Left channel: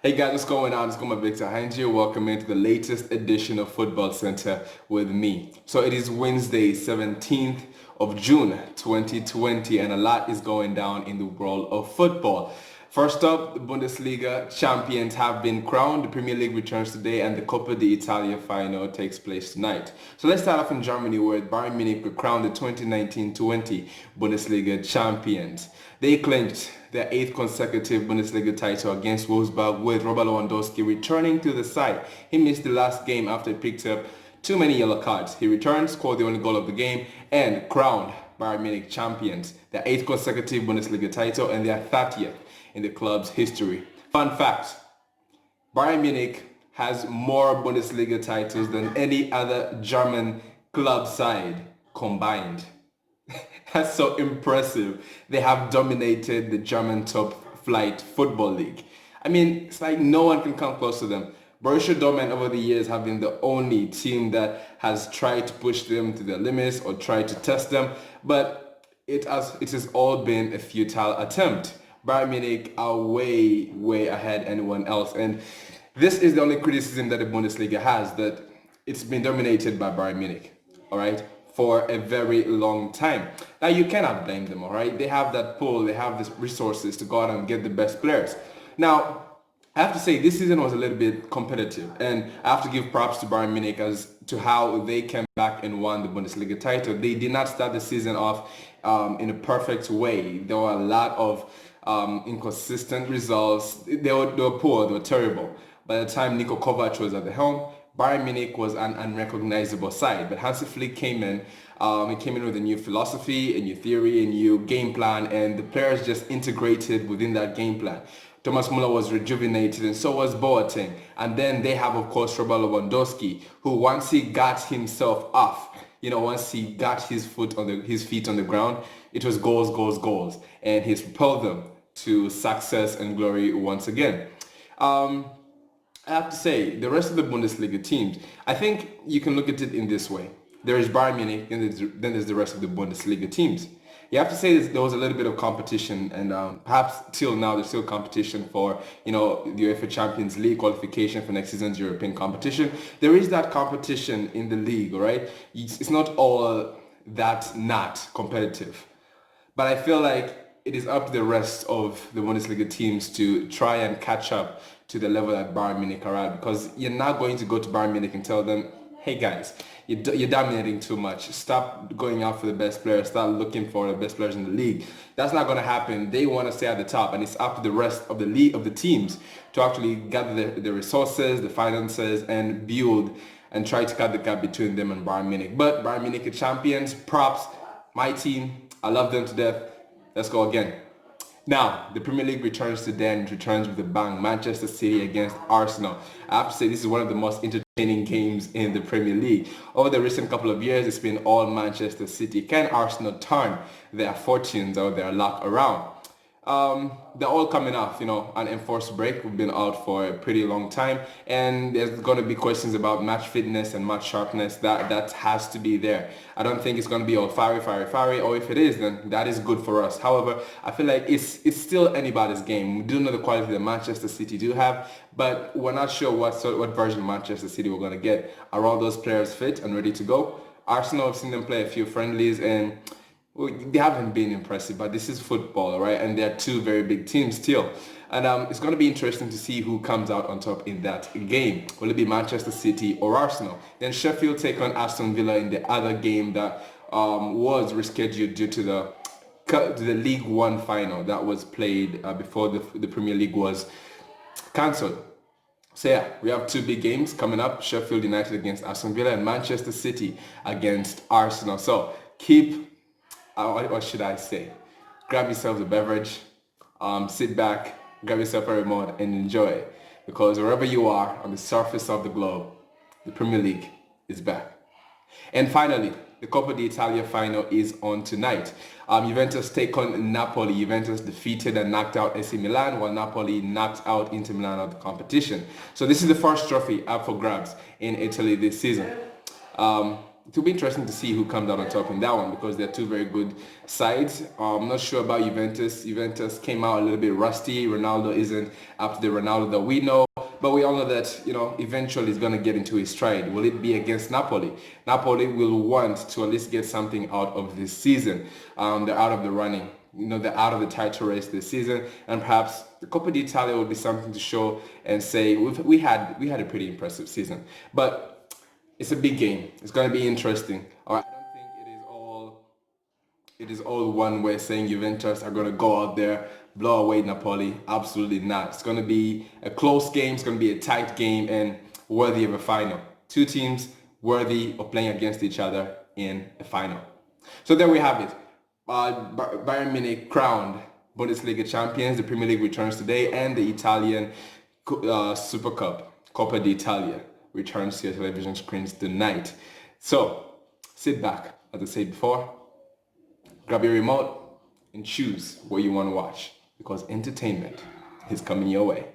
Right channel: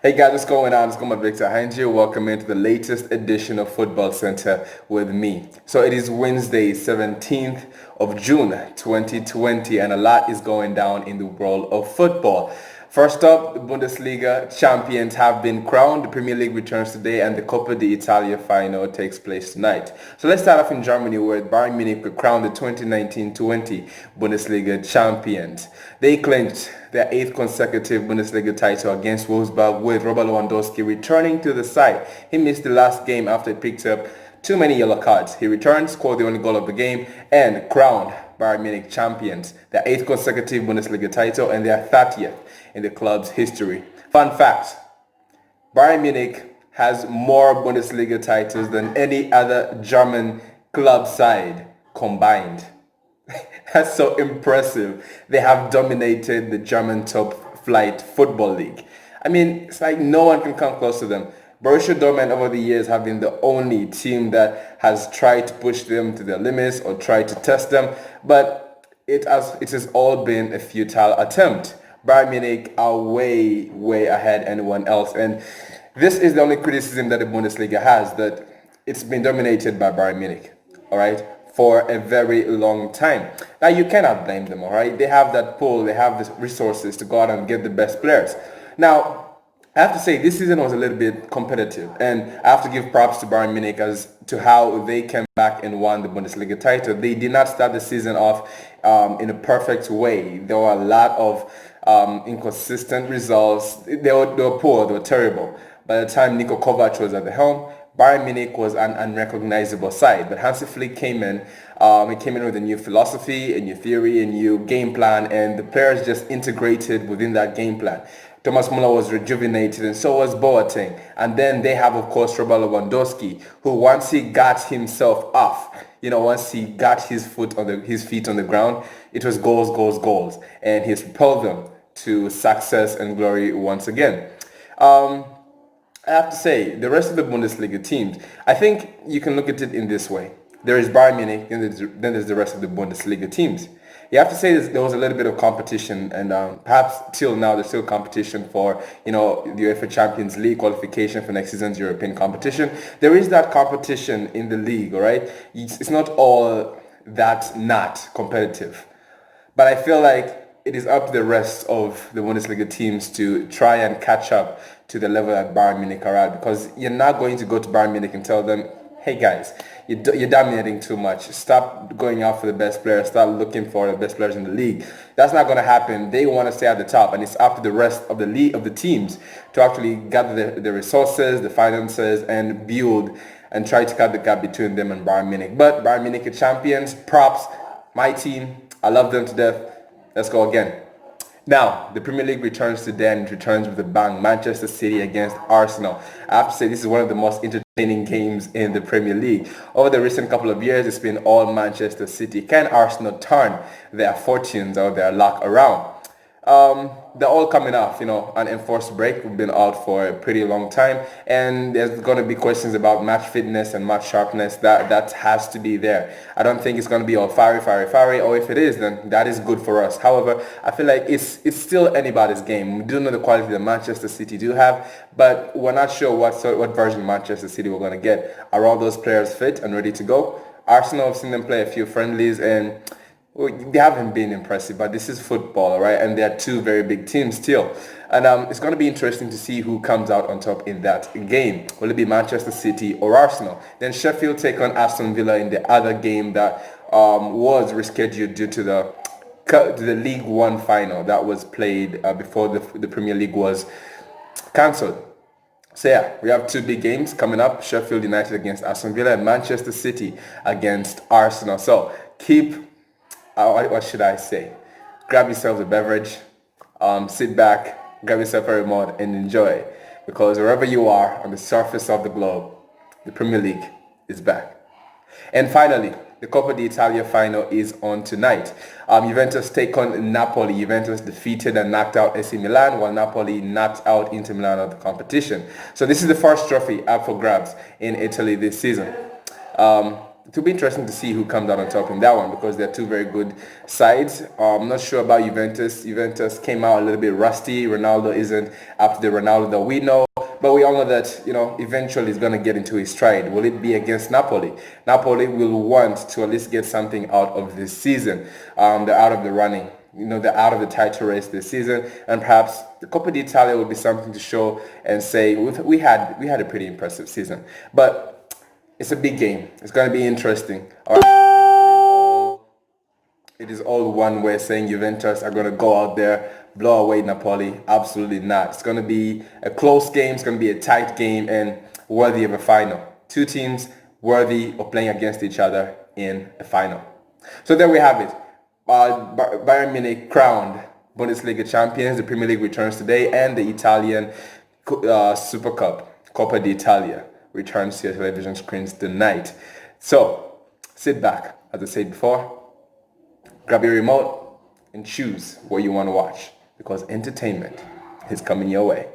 Hey guys, what's going on? It's going Victor Hanji. Welcome into the latest edition of Football Center with me. So it is Wednesday, 17th of June, 2020, and a lot is going down in the world of football. First up, the Bundesliga Champions have been crowned. The Premier League returns today and the Coppa Italia final takes place tonight. So let's start off in Germany where Bayern Munich were crowned the 2019-20 Bundesliga Champions. They clinched their 8th consecutive Bundesliga title against Wolfsburg with Robert Lewandowski returning to the side. He missed the last game after he picked up too many yellow cards. He returned, scored the only goal of the game, and crowned Bayern Munich champions, their 8th consecutive Bundesliga title and their 30th in the club's history. Fun fact, Bayern Munich has more Bundesliga titles than any other German club side combined. That's so impressive. They have dominated the German top flight football league. I mean, it's like no one can come close to them. Borussia Dortmund over the years have been the only team that has tried to push them to their limits or tried to test them, but it has all been a futile attempt. Bayern Munich are way ahead of anyone else, and this is the only criticism that the Bundesliga has, that it's been dominated by Bayern Munich, all right, for a very long time. Now you cannot blame them, all right? They have that pull, they have the resources to go out and get the best players. Now, I have to say this season was a little bit competitive, and I have to give props to Bayern Munich as to how they came back and won the Bundesliga title. They did not start the season off in a perfect way. There were a lot of inconsistent results. They were poor, they were terrible. By the time Niko Kovac was at the helm, Bayern Munich was an unrecognizable side. But Hansi Flick came in. He came in with a new philosophy, a new theory, a new game plan, and the players just integrated within that game plan. Thomas Muller was rejuvenated, and so was Boateng. And then they have, of course, Robert Lewandowski, who once he got himself off, once he got his feet on the ground, it was goals, and he's propelled them to success and glory once again. I have to say, the rest of the Bundesliga teams, I think you can look at it in this way. There is Bayern Munich, and then there's the rest of the Bundesliga teams. You have to say there was a little bit of competition, and perhaps till now there's still competition for, the UEFA Champions League qualification for next season's European competition. There is that competition in the league, all right? It's not all that not competitive. But I feel like it is up to the rest of the Bundesliga teams to try and catch up to the level that Bayern Munich are at, because you're not going to go to Bayern Munich and tell them, hey guys, you're dominating too much. Stop going out for the best players. Start looking for the best players in the league. That's not going to happen. They want to stay at the top, and it's up to the rest of the league, of the teams, to actually gather the resources, the finances, and build and try to cut the gap between them and Bayern Munich. But Bayern Munich are champions. Props. My team. I love them to death. Let's go again. Now, the Premier League returns today, and it returns with a bang. Manchester City against Arsenal. I have to say this is one of the most entertaining games in the Premier League. Over the recent couple of years, it's been all Manchester City. Can Arsenal turn their fortunes or their luck around? They're all coming off, an enforced break. We've been out for a pretty long time, and there's going to be questions about match fitness and match sharpness. That has to be there. I don't think it's going to be all fiery, or if it is, then that is good for us. However, I feel like it's still anybody's game. We do know the quality that Manchester City do have, but we're not sure what version of Manchester City we're going to get. Are all those players fit and ready to go? Arsenal, I've seen them play a few friendlies, and they haven't been impressive, but this is football, right? And they're two very big teams still. And it's going to be interesting to see who comes out on top in that game. Will it be Manchester City or Arsenal? Then Sheffield take on Aston Villa in the other game that was rescheduled due to the League One final that was played before the Premier League was cancelled. So yeah, we have two big games coming up. Sheffield United against Aston Villa and Manchester City against Arsenal. So what should I say? Grab yourself a beverage, sit back, grab yourself a remote and enjoy. Because wherever you are on the surface of the globe, the Premier League is back. And finally, the Coppa Italia final is on tonight. Juventus take on Napoli. Juventus defeated and knocked out AC Milan, while Napoli knocked out Inter Milan of the competition. So this is the first trophy up for grabs in Italy this season. it will be interesting to see who comes out on top in that one because they're two very good sides. I'm not sure about Juventus. Juventus came out a little bit rusty. Ronaldo isn't up to the Ronaldo that we know. But we all know that, eventually he's going to get into his stride. Will it be against Napoli? Napoli will want to at least get something out of this season. They're out of the running. They're out of the title race this season. And perhaps the Coppa d'Italia will be something to show and say, we had a pretty impressive season. But it's a big game. It's going to be interesting. All right. It is all one way saying Juventus are going to go out there, blow away Napoli. Absolutely not. It's going to be a close game. It's going to be a tight game and worthy of a final. Two teams worthy of playing against each other in a final. So there we have it. Bayern Munich crowned Bundesliga Champions. The Premier League returns today, and the Italian Super Cup, Coppa d'Italia, returns to your television screens tonight. So sit back, as I said before, grab your remote and choose what you want to watch because entertainment is coming your way.